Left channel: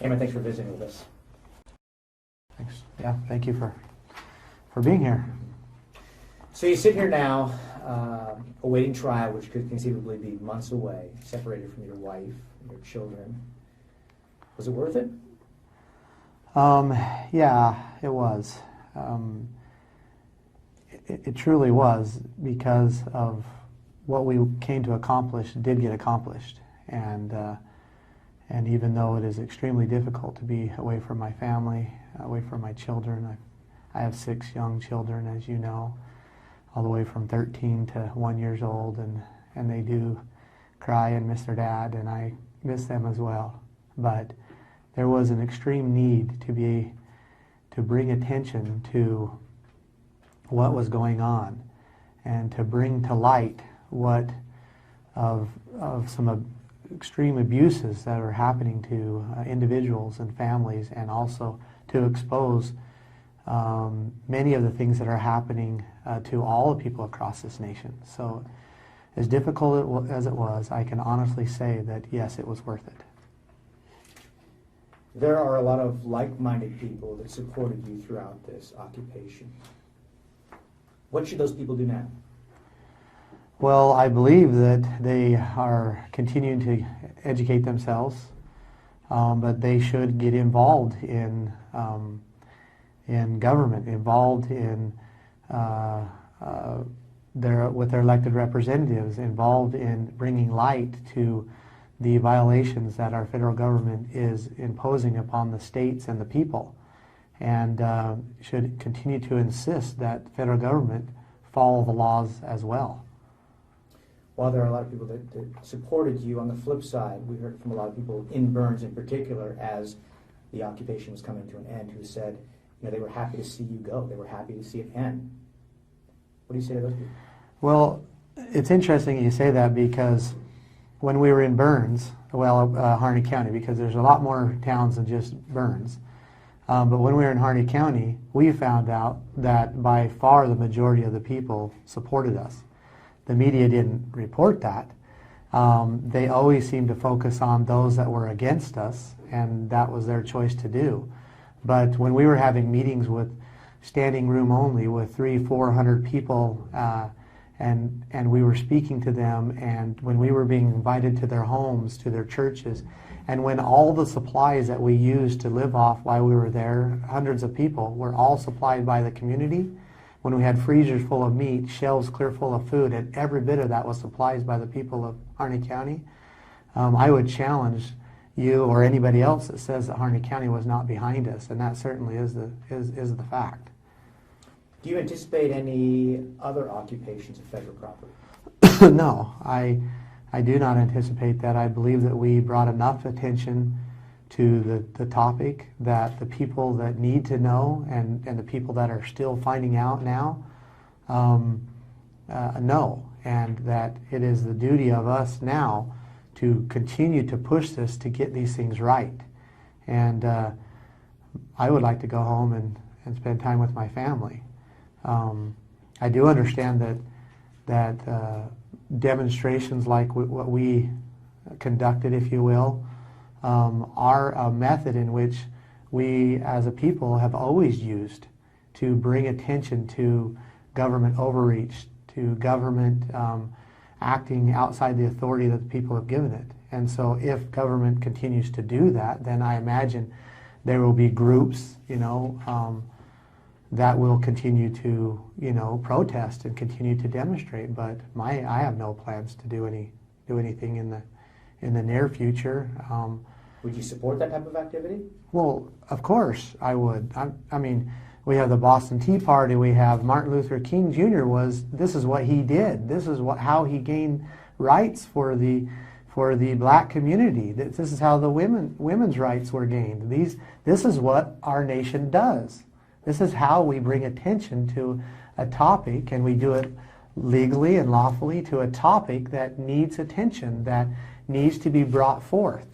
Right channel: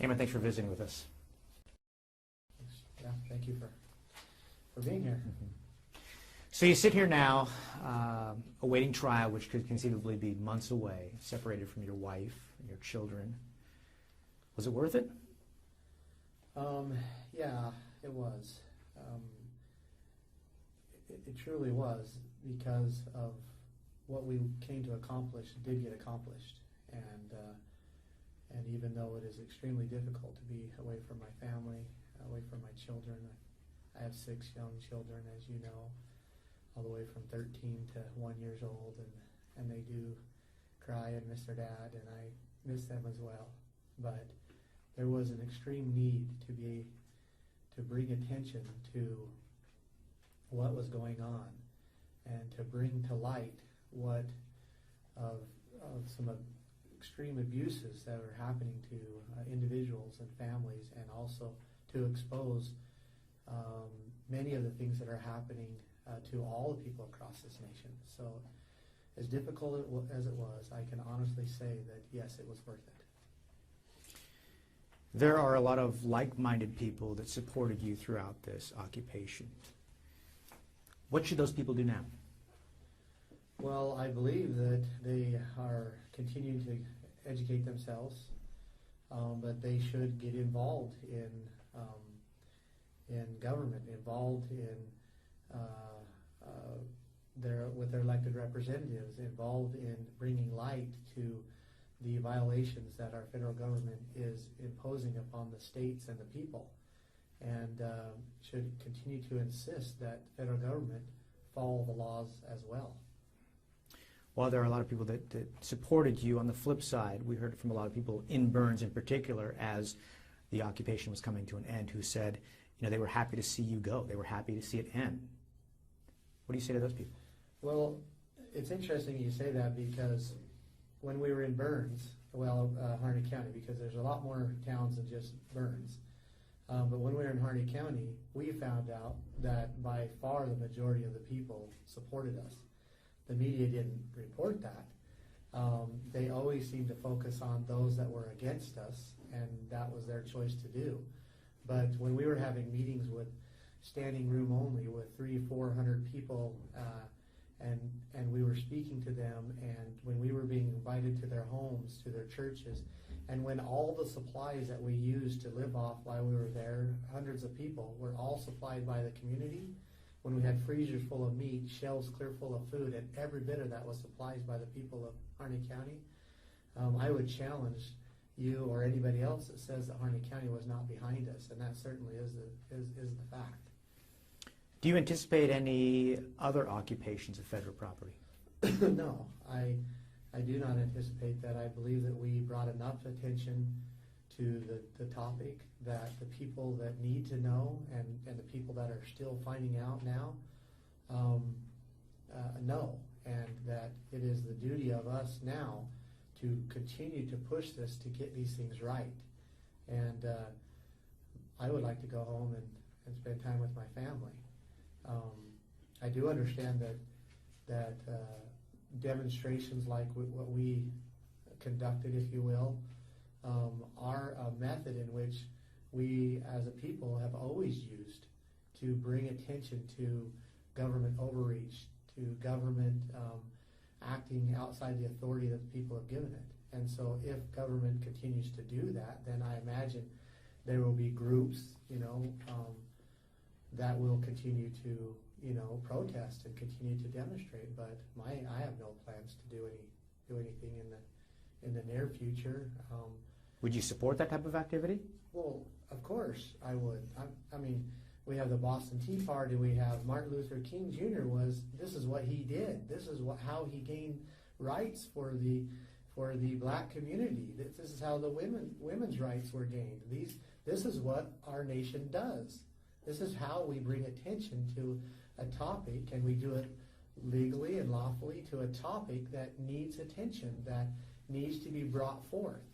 Ammon, thanks for visiting with us. Thanks. Yeah, thank you for being here. So you sit here now, awaiting trial, which could conceivably be months away, separated from your wife and your children. Was it worth it? Yeah, it was. It truly was, because of what we came to accomplish did get accomplished. And even though it is extremely difficult to be away from my family, away from my children, I have 6 young children, as you know, all the way from 13 to 1 year old, and they do cry and miss their dad, and I miss them as well. But there was an extreme need to bring attention to what was going on, and to bring to light what of some extreme abuses that are happening to individuals and families, and also to expose many of the things that are happening to all the people across this nation. So as difficult as it was, I can honestly say that yes, it was worth it. There are a lot of like-minded people that supported you throughout this occupation. What should those people do now? Well, I believe that they are continuing to educate themselves, but they should get involved in government, involved in with their elected representatives, involved in bringing light to the violations that our federal government is imposing upon the states and the people, and should continue to insist that federal government follow the laws as well. While there are a lot of people that supported you, on the flip side, we heard from a lot of people in Burns in particular, as the occupation was coming to an end, who said, they were happy to see you go. They were happy to see it end. What do you say to those people? Well, it's interesting you say that, because when we were in Burns, Harney County, because there's a lot more towns than just Burns, but when we were in Harney County, we found out that by far the majority of the people supported us. The media didn't report that. They always seemed to focus on those that were against us, and that was their choice to do. But when we were having meetings with standing room only with 300-400 people, and we were speaking to them, and when we were being invited to their homes, to their churches, and when all the supplies that we used to live off while we were there, hundreds of people, were all supplied by the community, when we had freezers full of meat, shelves clear full of food, and every bit of that was supplied by the people of Harney County, I would challenge you or anybody else that says that Harney County was not behind us, and that certainly is the fact. Do you anticipate any other occupations of federal property? No, I do not anticipate that. I believe that we brought enough attention to the topic that the people that need to know, and the people that are still finding out now know, and that it is the duty of us now to continue to push this to get these things right. And I would like to go home and spend time with my family. I do understand that demonstrations like what we conducted, if you will, are a method in which we as a people have always used to bring attention to government overreach, to government acting outside the authority that the people have given it. And so if government continues to do that, then I imagine there will be groups, that will continue to, protest and continue to demonstrate. But I have no plans to do anything in the near future. Would you support that type of activity? Well, of course I would. I mean, we have the Boston Tea Party. We have Martin Luther King Jr. This is what he did. This is how he gained rights for the black community. This is how the women's rights were gained. This is what our nation does. This is how we bring attention to a topic, and we do it legally and lawfully to a topic that needs attention, that needs to be brought forth.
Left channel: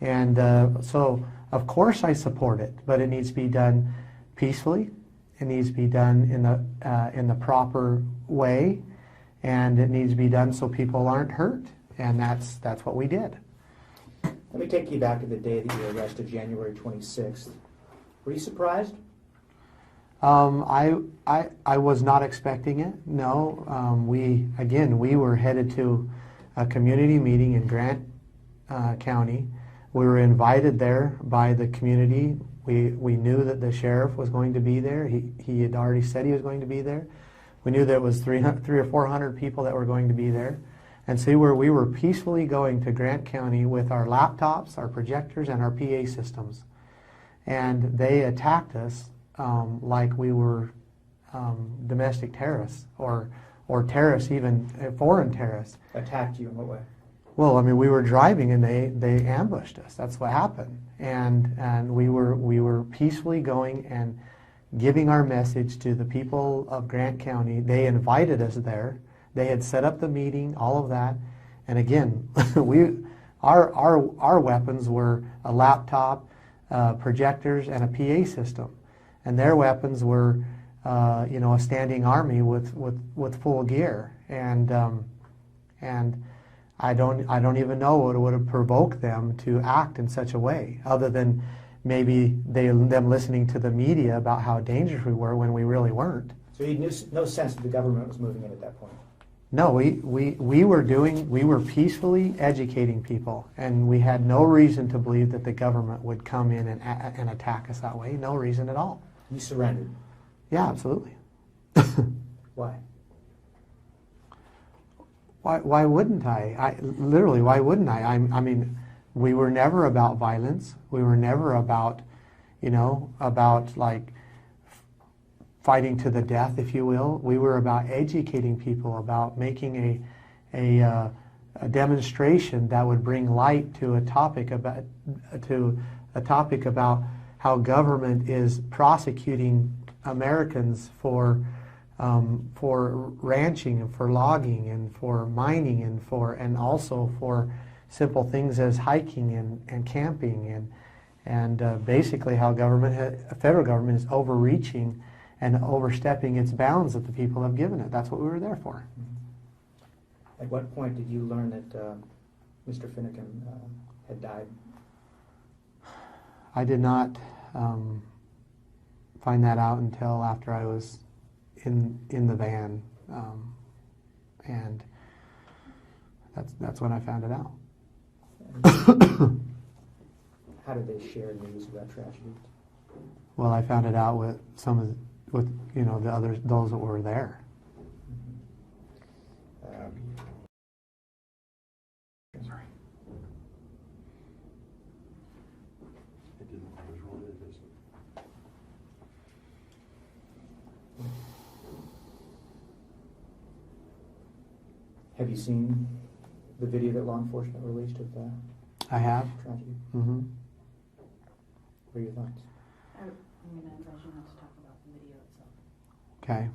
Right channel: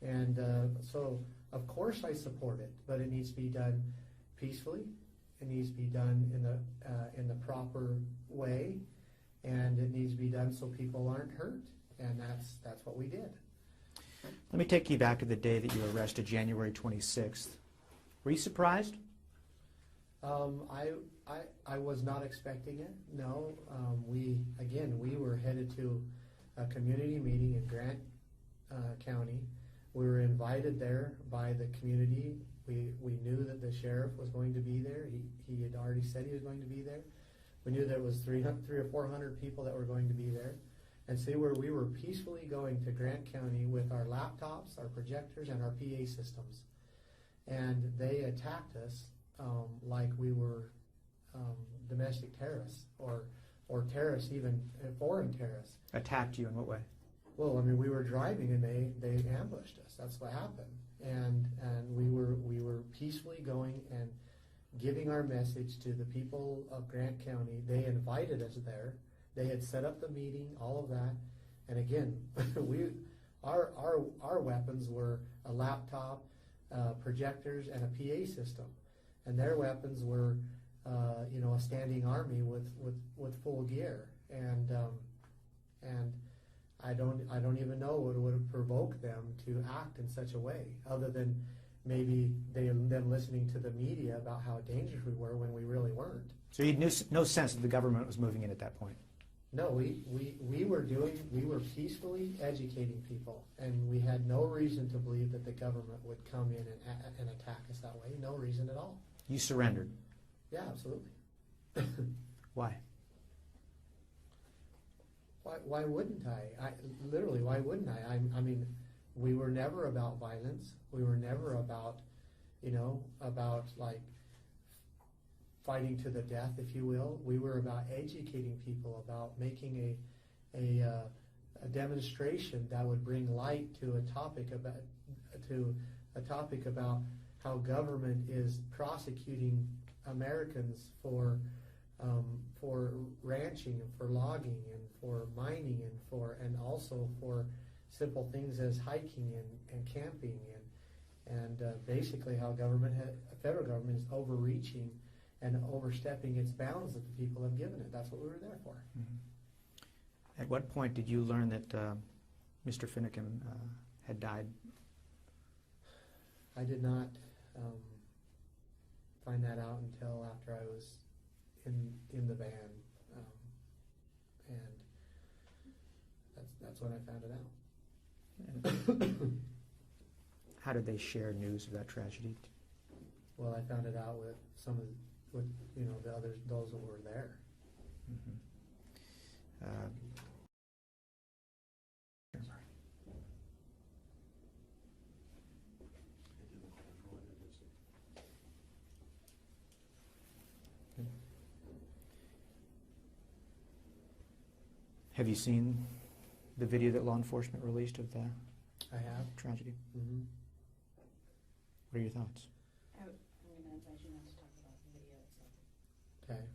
And so, of course, I support it, but it needs to be done peacefully. It needs to be done in the proper way, and it needs to be done so people aren't hurt. And that's what we did. Let me take you back to the day that you were arrested, January 26th. Were you surprised? I was not expecting it. No, we were headed to a community meeting in Grant County. We were invited there by the community. We knew that the sheriff was going to be there. He had already said he was going to be there. We knew there was 300 or 400 people that were going to be there. And so we were peacefully going to Grant County with our laptops, our projectors, and our PA systems. And they attacked us like we were domestic terrorists or terrorists, even foreign terrorists. Attacked you in what way? Well, I mean, we were driving and they ambushed us. That's what happened. And we were peacefully going and giving our message to the people of Grant County. They invited us there. They had set up the meeting, all of that. And again, our weapons were a laptop, projectors, and a PA system. And their weapons were, a standing army with full gear. And I don't even know what would have provoked them to act in such a way, other than maybe them listening to the media about how dangerous we were when we really weren't. So you had no sense that the government was moving in at that point? No, we were peacefully educating people, and we had no reason to believe that the government would come in and attack us that way. No reason at all. You surrendered? Yeah, absolutely. Why? Why wouldn't I? Literally, why wouldn't I? I mean, we were never about violence. We were never about, like fighting to the death, if you will. We were about educating people, about making a demonstration that would bring light to a topic about how government is prosecuting Americans for ranching and for logging and for mining and also for simple things as hiking and camping and basically how federal government is overreaching and overstepping its bounds that the people have given it. That's what we were there for. Mm-hmm. At what point did you learn that Mr. Finnegan had died? I did not find that out until after I was in the van, and that's when I found it out. How did they share news of that tragedy? Well, I found it out with the others, those that were there. Sorry. Have you seen the video that law enforcement released of the I have. tragedy? Mm-hmm. What are your thoughts? I'm going to advise you not to talk about the video itself. Okay.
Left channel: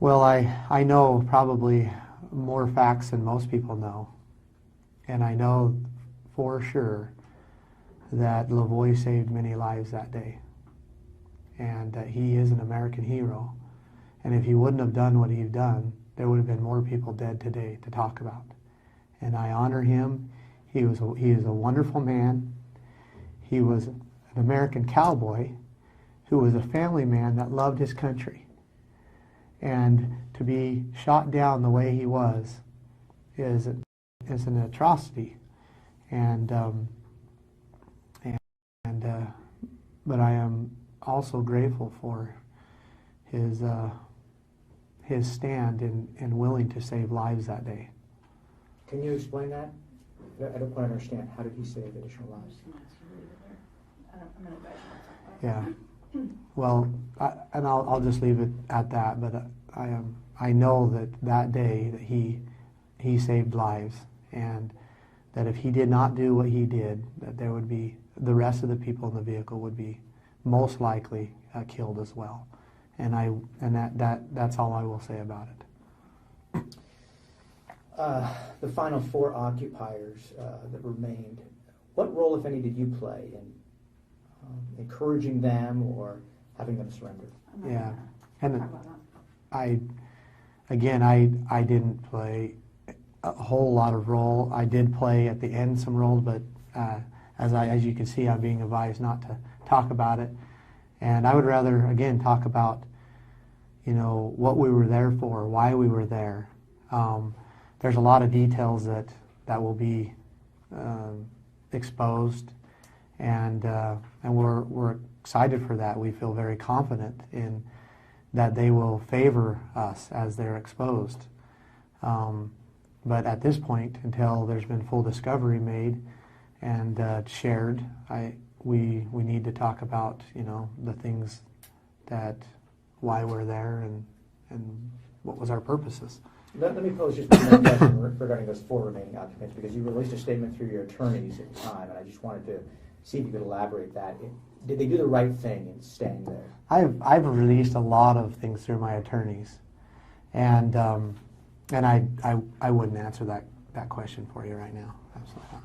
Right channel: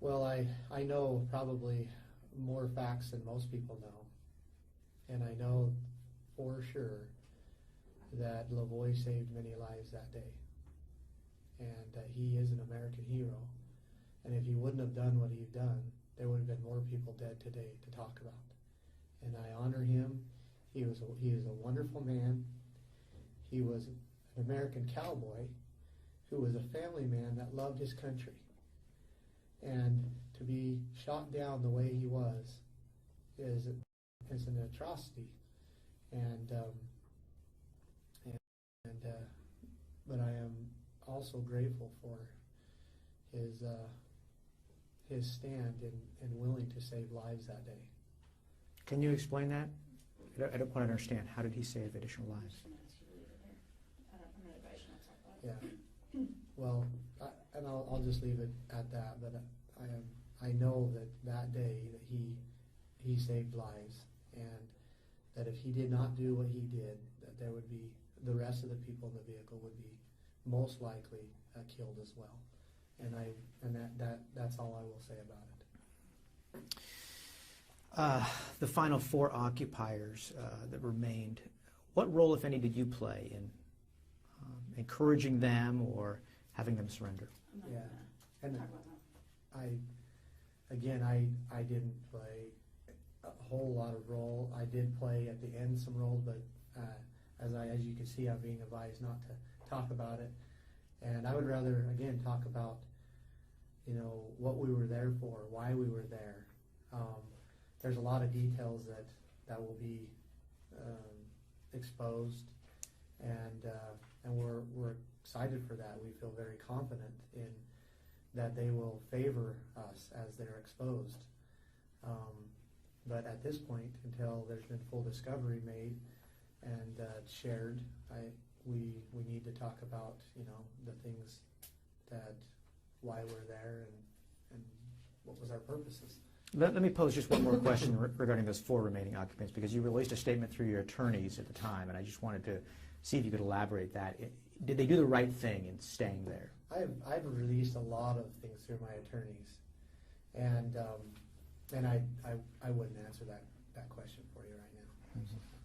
Well, I know probably more facts than most people know. And I know for sure that Lavoie saved many lives that day. And that he is an American hero. And if he wouldn't have done what he'd done, there would have been more people dead today to talk about. And I honor him. He is a wonderful man. He was an American cowboy who was a family man that loved his country. And to be shot down the way he was is an atrocity. But I am also grateful for his stand and willing to save lives that day. Can you explain that? I don't quite understand. How did he save additional lives? I'm going to advise you not to talk about it. Yeah. Well, I'll just leave it at that. But I know that day that he saved lives, and that if he did not do what he did, that there would be the rest of the people in the vehicle would be most likely killed as well. And that's all I will say about it. The final 4 occupiers that remained, what role, if any, did you play in encouraging them or having them surrender? Yeah, and Talk about that. I didn't play a whole lot of role. I did play at the end some roles, but as you can see, I'm being advised not to talk about it. And I would rather, again, talk about, what we were there for, why we were there. There's a lot of details that will be exposed, and we're excited for that. We feel very confident in that they will favor us as they're exposed. But at this point, until there's been full discovery made and shared, we need to talk about the things why we're there and what was our purposes. Let me pose just one more question regarding those 4 remaining occupants, because you released a statement through your attorneys at the time, and I just wanted to see if you could elaborate that. Did they do the right thing in staying there? I've released a lot of things through my attorneys, and I wouldn't answer that question for you right now. Absolutely not.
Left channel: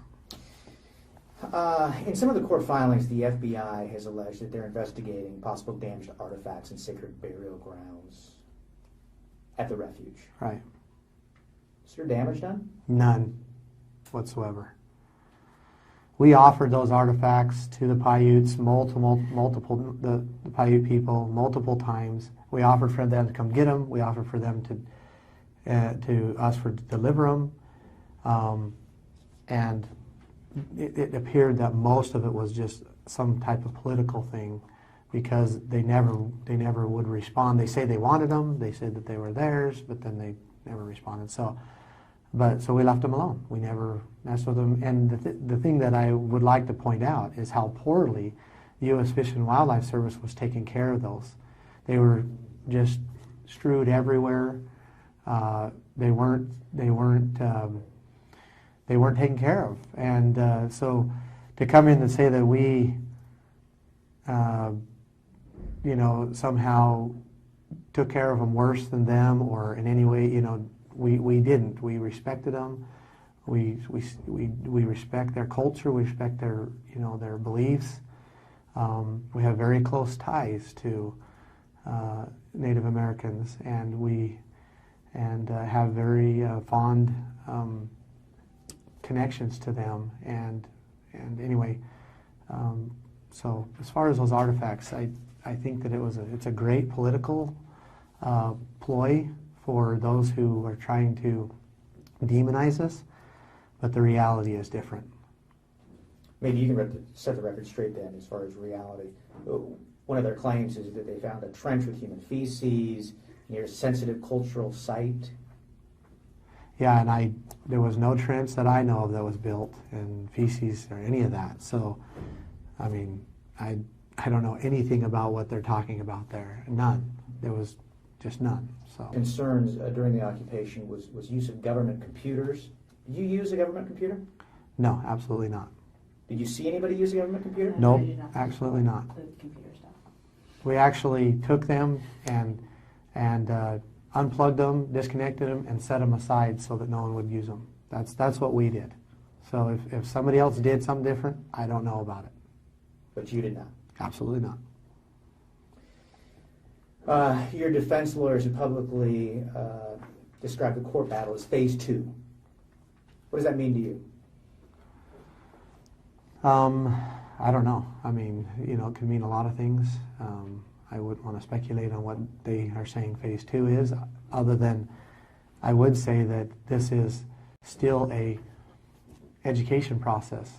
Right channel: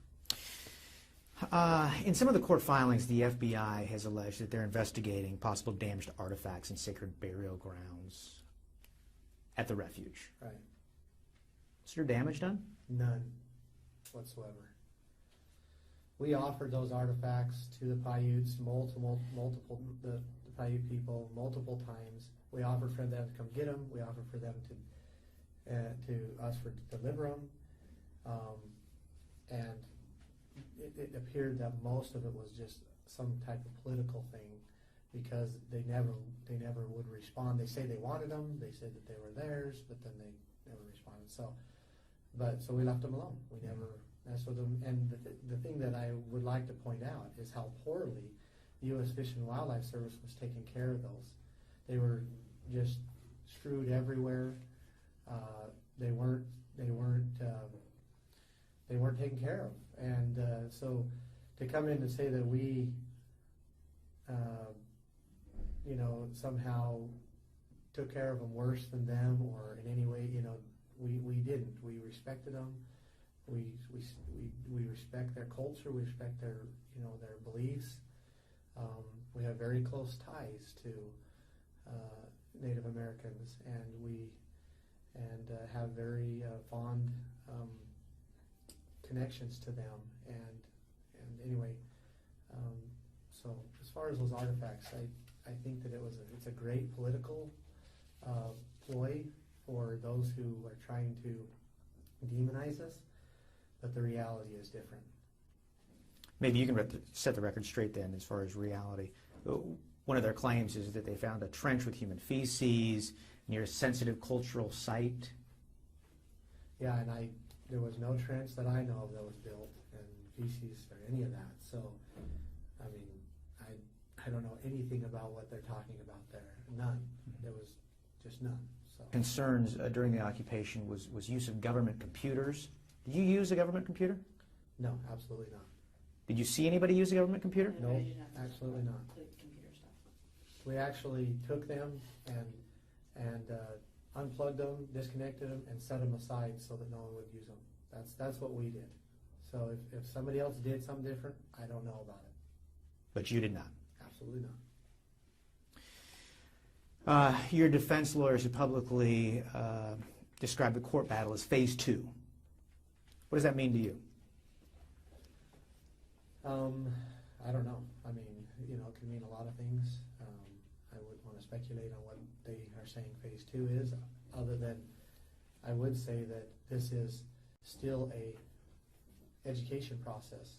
In some of the court filings, the FBI has alleged that they're investigating possible damage to artifacts and sacred burial grounds at the refuge. Right. Is there damage done? None whatsoever. We offered those artifacts to the Paiutes, the Paiute people, multiple times. We offered for them to come get them. We offered for them to us to deliver them, and it appeared that most of it was just some type of political thing, because they never would respond. They say they wanted them. They said that they were theirs, but then they never responded. So we left them alone. We never messed with them. And the thing that I would like to point out is how poorly the U.S. Fish and Wildlife Service was taking care of those. They were just strewed everywhere. They weren't taken care of. And so to come in and say that we, somehow took care of them worse than them, or in any way, we didn't. We respected them. We respect their culture. We respect their beliefs. We have very close ties to Native Americans, and have very fond connections to them. And anyway, so as far as those artifacts, I think that it's a great political ploy for those who are trying to demonize us, but the reality is different. Maybe you can set the record straight then as far as reality. One of their claims is that they found a trench with human feces near a sensitive cultural site. Yeah, and there was no trench that I know of that was built in feces or any of that. So, I mean, I don't know anything about what they're talking about there. None. There was just none. So concerns during the occupation was use of government computers. Did you use a government computer? No, absolutely not. Did you see anybody use a government computer? Nope, absolutely not. The computer stuff. We actually took them and unplugged them, disconnected them, and set them aside so that no one would use them. That's what we did. So if somebody else did something different, I don't know about it. But you did not? Absolutely not. Your defense lawyers have publicly described the court battle as phase 2. What does that mean to you? I don't know. I mean, it could mean a lot of things. I wouldn't want to speculate on what they are saying phase 2 is, other than I would say that this is still a education process.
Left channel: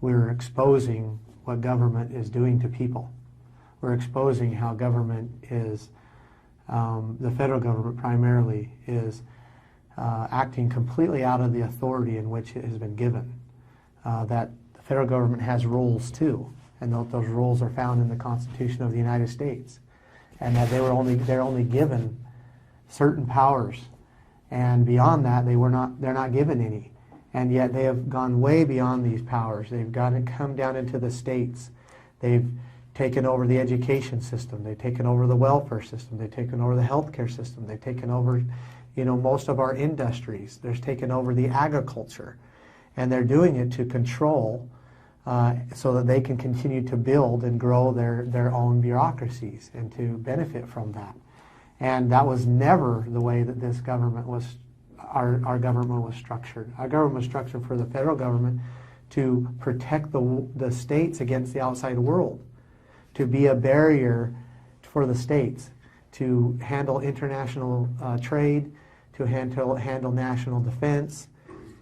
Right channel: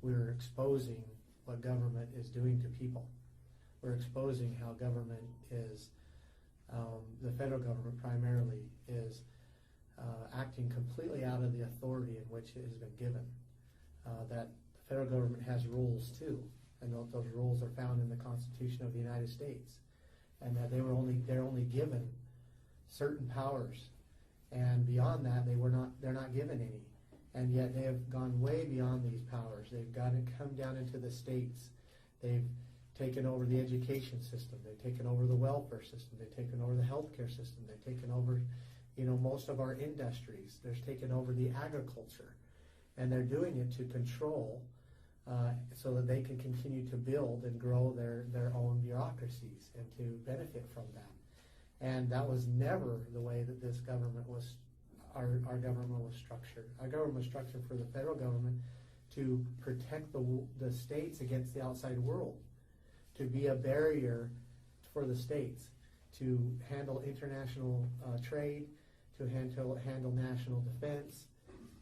We're exposing what government is doing to people. We're exposing how government is, the federal government primarily, is acting completely out of the authority in which it has been given. That the federal government has rules too, and those rules are found in the Constitution of the United States, and that they're only given certain powers, and beyond that they're not given any, and yet they have gone way beyond these powers. They've come down into the states. They've taken over the education system. They've taken over the welfare system. They've taken over the healthcare system. They've taken over, most of our industries. They've taken over the agriculture, and they're doing it to control, so that they can continue to build and grow their own bureaucracies and to benefit from that. And that was never the way that this government was our government was structured. Our government was structured for the federal government to protect the states against the outside world, to be a barrier for the states, to handle international trade, to handle national defense,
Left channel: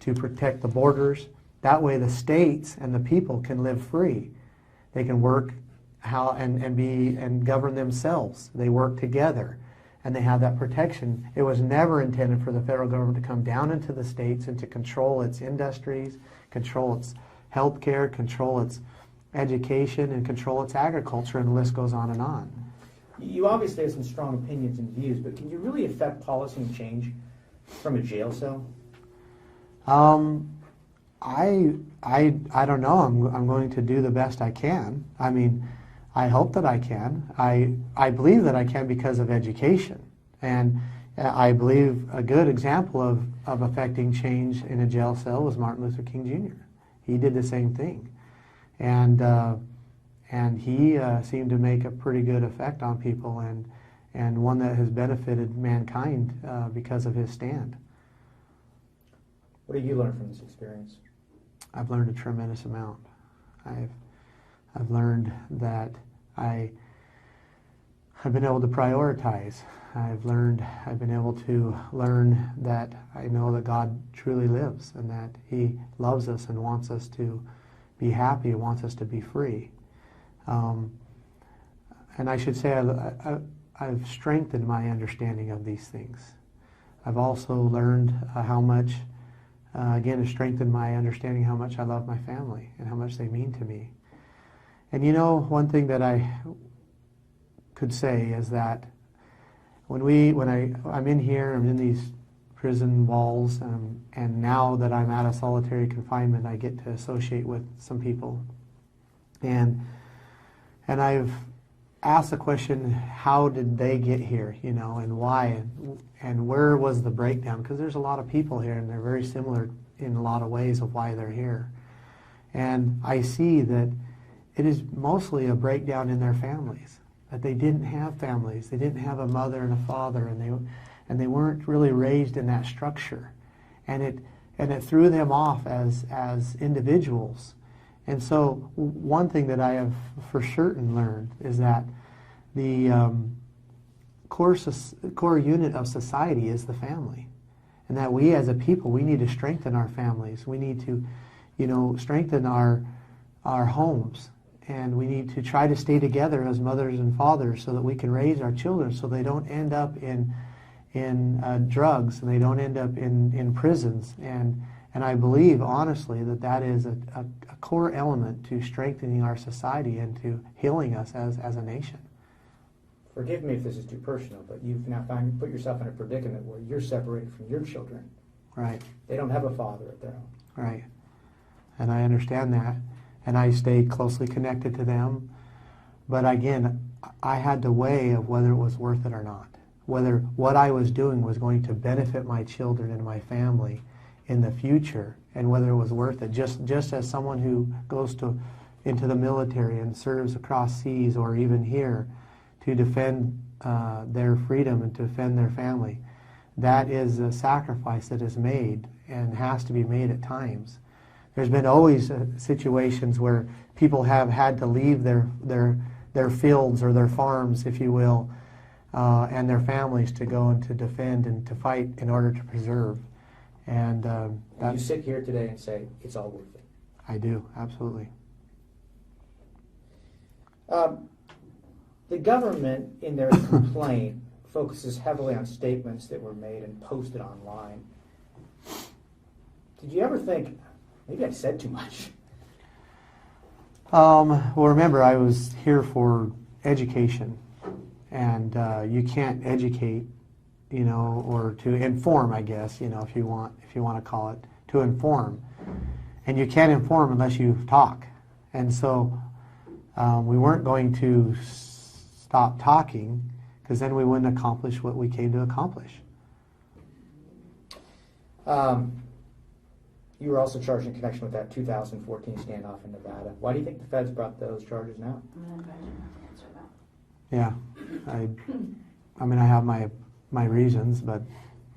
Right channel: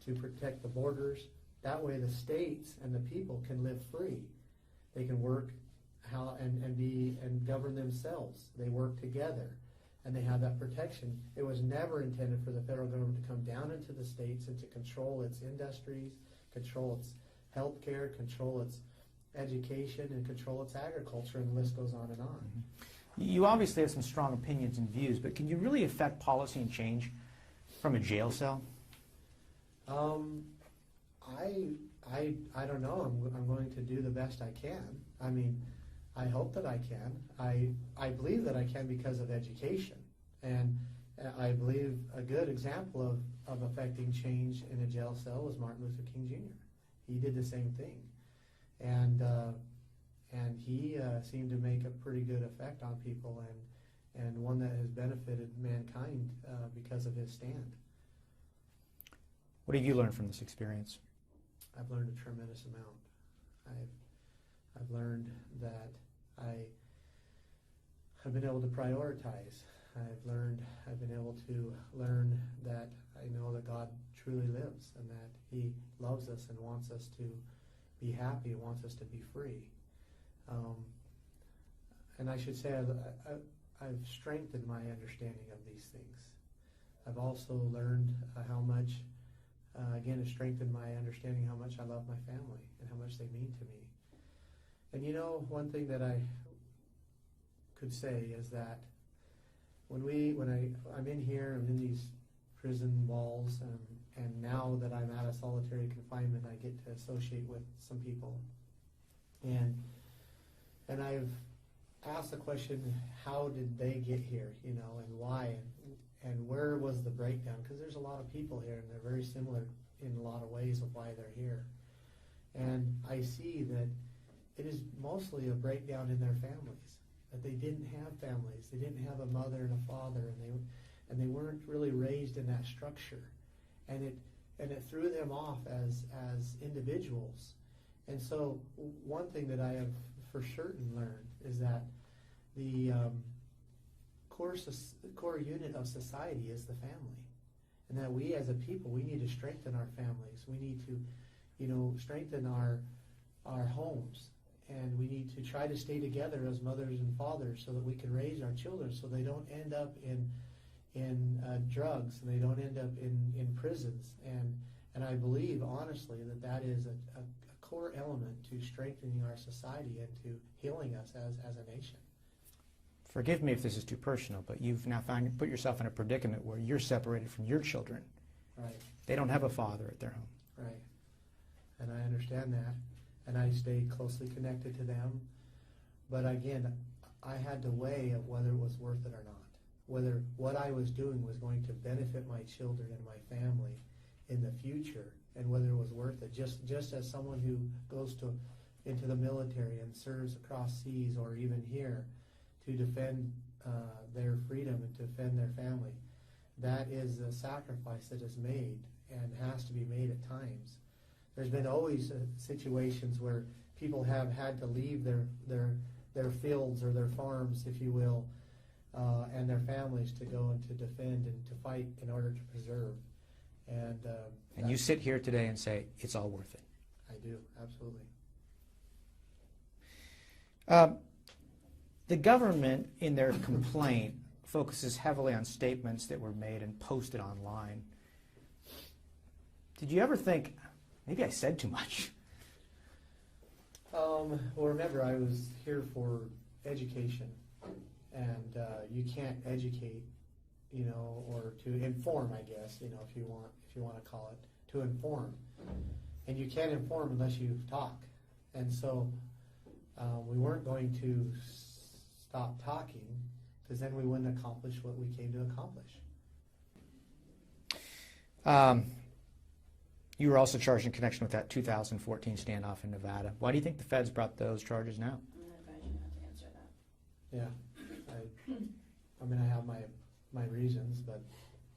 to protect the borders. That way the states and the people can live free. They can work and govern themselves. They work together and they have that protection. It was never intended for the federal government to come down into the states and to control its industries, control its health care, control its education, and control its agriculture, and the list goes on and on. You obviously have some strong opinions and views, but can you really affect policy and change from a jail cell? I don't know. I'm going to do the best I can. I mean, I hope that I can. I believe that I can because of education. And I believe a good example of affecting change in a jail cell was Martin Luther King Jr. He did the same thing. And he seemed to make a pretty good effect on people, and one that has benefited mankind because of his stand. What have you learned from this experience? I've learned a tremendous amount. I've learned that I've been able to prioritize. I've been able to learn that I know that God truly lives and that He loves us and wants us to be happy, wants us to be free. And I should say I've strengthened my understanding of these things. I've also learned how much, again, to strengthen my understanding how much I love my family and how much they mean to me. And you know, one thing that I could say is that when I'm in here, I'm in these prison walls, and now that I'm out of solitary confinement, I get to associate with some people. And I've asked the question, how did they get here, you know, and why, and where was the breakdown? Because there's a lot of people here, and they're very similar in a lot of ways of why they're here. And I see that it is mostly a breakdown in their families, that they didn't have families. They didn't have a mother and a father, and they weren't really raised in that structure. And it threw them off as individuals. And so one thing that I have for certain learned is that the core unit of society is the family. And that we as a people, we need to strengthen our families. We need to, you know, strengthen our homes. And we need to try to stay together as mothers and fathers so that we can raise our children so they don't end up in drugs and they don't end up in prisons. And I believe, honestly, that is a core element to strengthening our society and to healing us as a nation. Forgive me if this is too personal, but you've now put yourself in a predicament where you're separated from your children. Right. They don't have a father of their own. Right. And I understand that. And I stay closely connected to them. But again, I had to weigh of whether it was worth it or not. Whether what I was doing was going to benefit my children and my family in the future, and whether it was worth it. Just as someone who goes into the military and serves across seas or even here to defend their freedom and to defend their family, that is a sacrifice that is made and has to be made at times. There's been always situations where people have had to leave their fields or their farms, if you will, and their families to go and to defend and to fight in order to preserve. And you sit here today and say, it's all worth it. I do, absolutely. The government, in their complaint, focuses heavily on statements that were made and posted online. Did you ever think, maybe I said too much? Well, remember, I was here for education, and you can't educate, you know, or to inform, I guess, you know, if you want to call it, to inform. And you can't inform unless you talk. And so we weren't going to stop talking, because then we wouldn't accomplish what we came to accomplish. You were also charged in connection with that 2014 standoff in Nevada. Why do you think the feds brought those charges now? I'm going to advise you not to answer that. Yeah, I mean, I have my reasons, but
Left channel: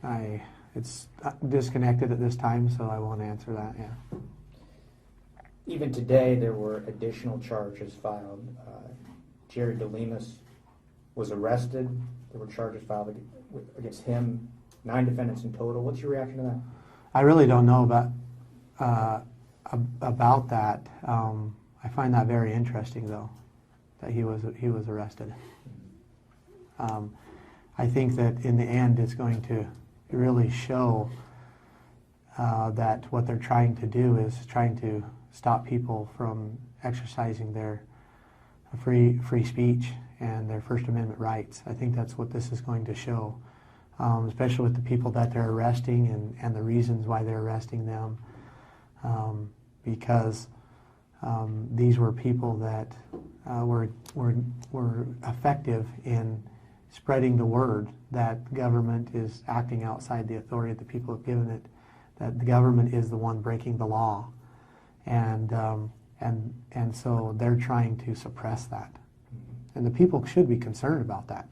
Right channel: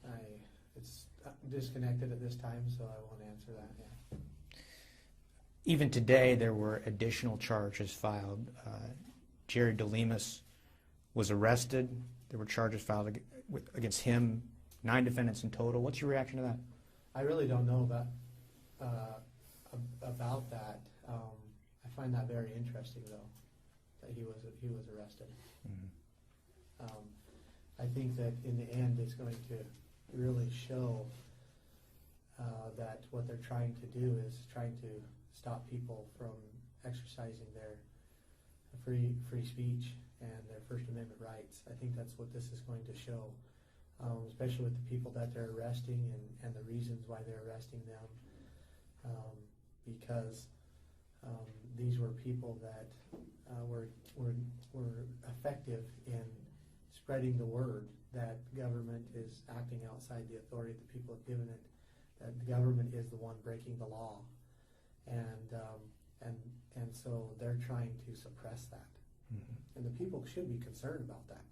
I It's disconnected at this time, so I won't answer that. Yeah. Even today, there were additional charges filed. Jerry DeLemus was arrested. There were charges filed against him, 9 defendants in total. What's your reaction to that? I really don't know about that. I find that very interesting, though, that he was arrested. I think that in the end, it's going to really show that what they're trying to do is trying to stop people from exercising their free speech and their First Amendment rights. I think that's what this is going to show, especially with the people that they're arresting and the reasons why they're arresting them, because these were people that were effective in spreading the word that government is acting outside the authority that the people have given it, that the government is the one breaking the law, and so they're trying to suppress that, and the people should be concerned about that.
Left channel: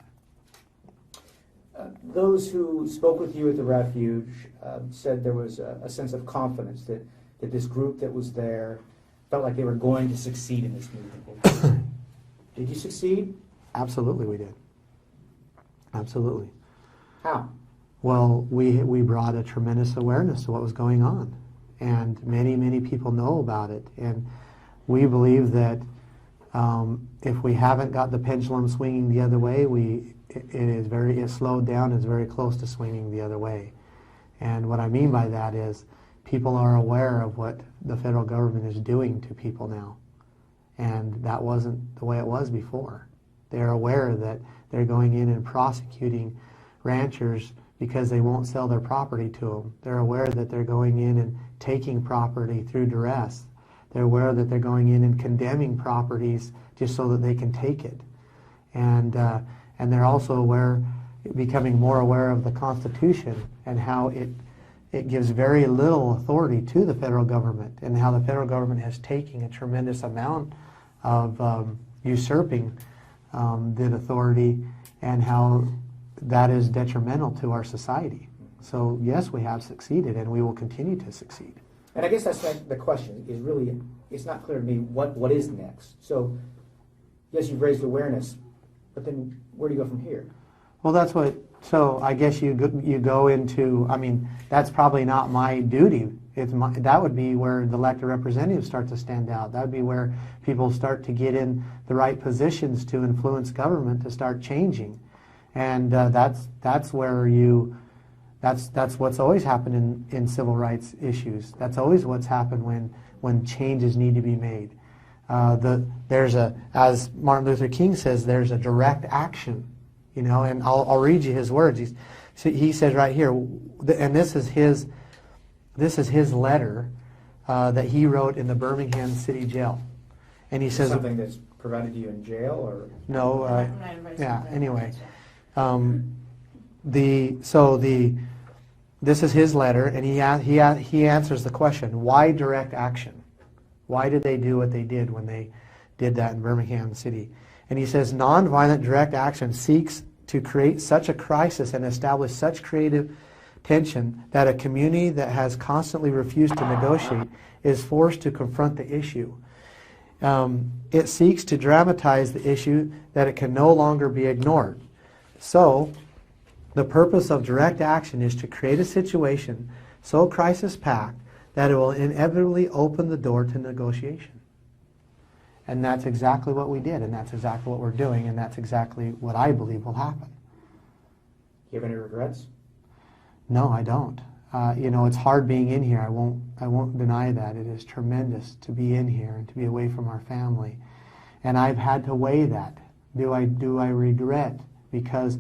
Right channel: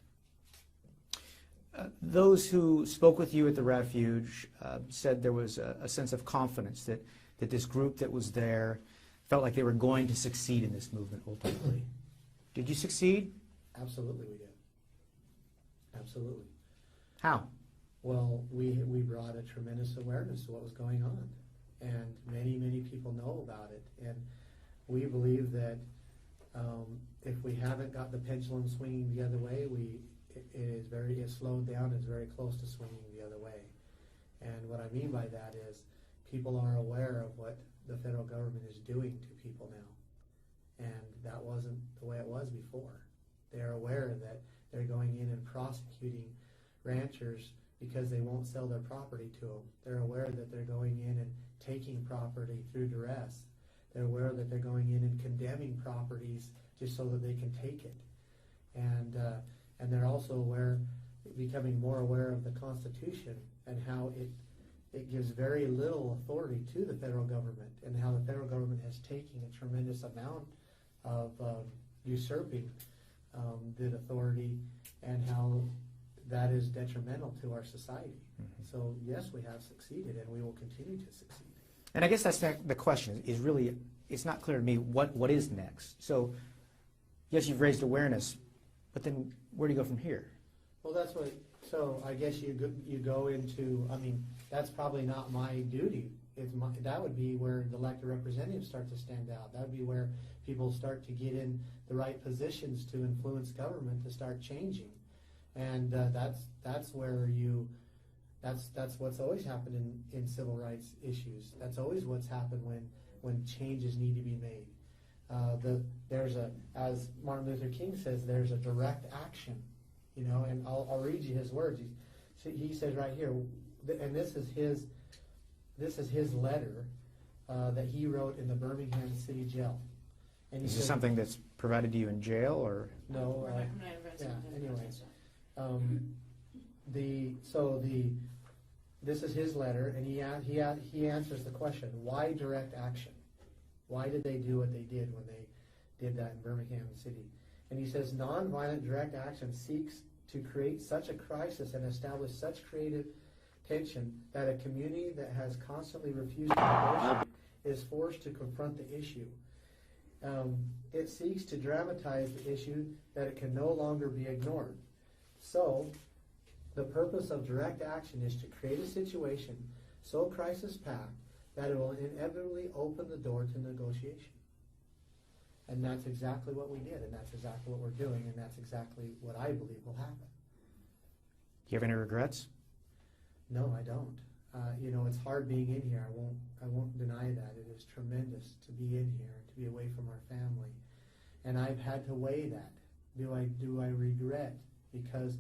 Those who spoke with you at the refuge said there was a sense of confidence that this group that was there felt like they were going to succeed in this movement. Did you succeed? Absolutely, we did. Absolutely. How? Well, we brought a tremendous awareness to what was going on, and many people know about it, and we believe that if we haven't got the pendulum swinging the other way, it's slowed down. It's very close to swinging the other way, and what I mean by that is people are aware of what the federal government is doing to people now, and that wasn't the way it was before. They're aware that they're going in and prosecuting ranchers because they won't sell their property to them. They're aware that they're going in and taking property through duress. They're aware that they're going in and condemning properties just so that they can take it. And they're also becoming more aware of the Constitution and how it gives very little authority to the federal government, and how the federal government has taken a tremendous amount of usurping that authority, and how that is detrimental to our society. So yes, we have succeeded, and we will continue to succeed. And I guess that's the question, is really, it's not clear to me what is next. So yes, you've raised awareness, but then where do you go from here? Well, so I guess you go into, I mean, that's probably not my duty. That would be where the elected representatives start to stand out. That would be where people start to get in the right positions to influence government to start changing. And that's what's always happened in civil rights issues. That's always what's happened when changes need to be made. As Martin Luther King says, there's a direct action, and I'll read you his words. He says right here, and this is his letter that he wrote in the Birmingham City Jail, and he says something that's provided to you in jail, or no, yeah. Anyway, this is his letter, and he answers the question: why direct action? Why did they do what they did when they did that in Birmingham City? And he says, nonviolent direct action seeks to create such a crisis and establish such creative tension that a community that has constantly refused to negotiate is forced to confront the issue. It seeks to dramatize the issue that it can no longer be ignored. So, the purpose of direct action is to create a situation so crisis-packed that it will inevitably open the door to negotiation. And that's exactly what we did, and that's exactly what we're doing, and that's exactly what I believe will happen. You have any regrets? No, I don't. It's hard being in here. I won't deny that. It is tremendous to be in here and to be away from our family. And I've had to weigh that. Do I regret? Because,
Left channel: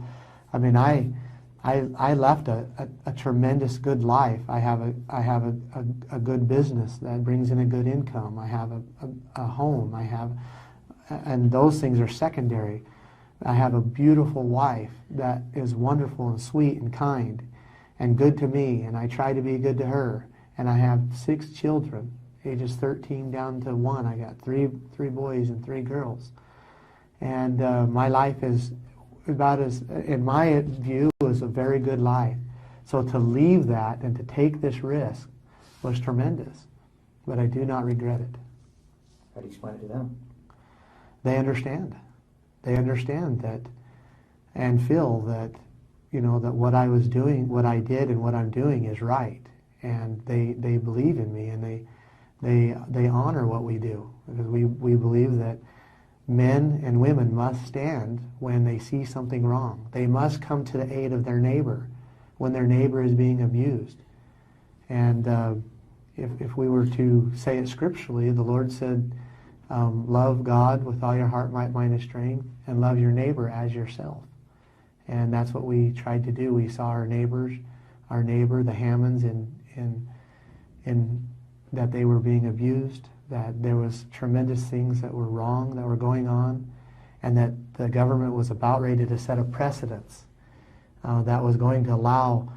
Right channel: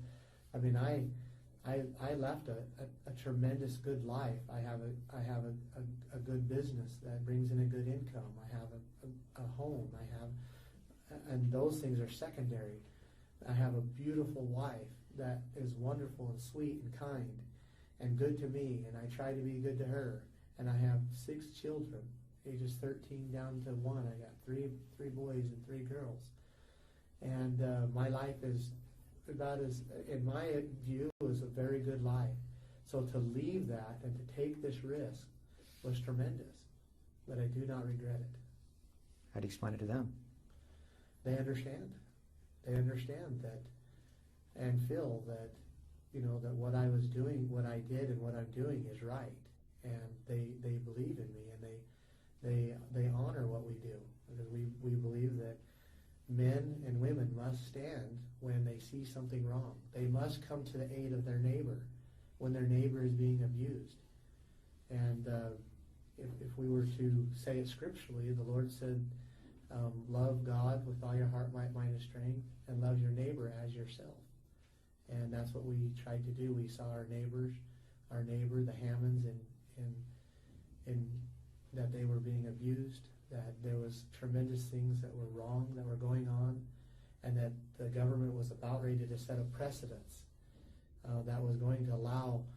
I left a tremendous good life. I have a good business that brings in a good income. I have a home. And those things are secondary. I have a beautiful wife that is wonderful and sweet and kind and good to me, and I try to be good to her. And I have 6 children, ages 13 down to 1. I got three boys and 3 girls. And my life is about as, in my view, is a very good life. So to leave that and to take this risk was tremendous, but I do not regret it. How do you explain it to them? They understand. They understand that and feel that, that what I was doing, what I did and what I'm doing is right. And they believe in me, and they honor what we do, because we believe that men and women must stand when they see something wrong. They must come to the aid of their neighbor when their neighbor is being abused. And if we were to say it scripturally, the Lord said, love God with all your heart, might, mind, and strength, and love your neighbor as yourself. And that's what we tried to do. We saw our neighbor, the Hammonds, in that they were being abused, that there was tremendous things that were wrong, that were going on, and that the government was about ready to set a precedence that was going to allow,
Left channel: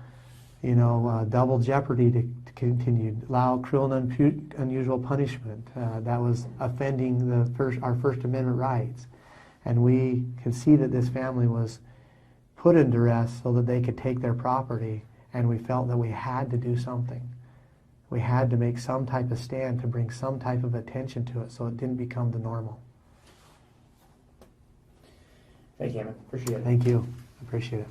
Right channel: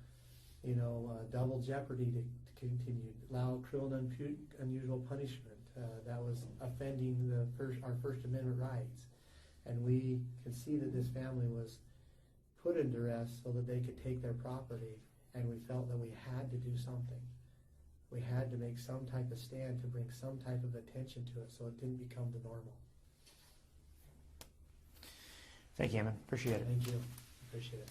double jeopardy to continue, allow cruel and unusual punishment that was offending our First Amendment rights. And we could see that this family was put in duress so that they could take their property, and we felt that we had to do something. We had to make some type of stand to bring some type of attention to it so it didn't become the normal. Thank you, Ammon. Appreciate it. Thank you. Appreciate it.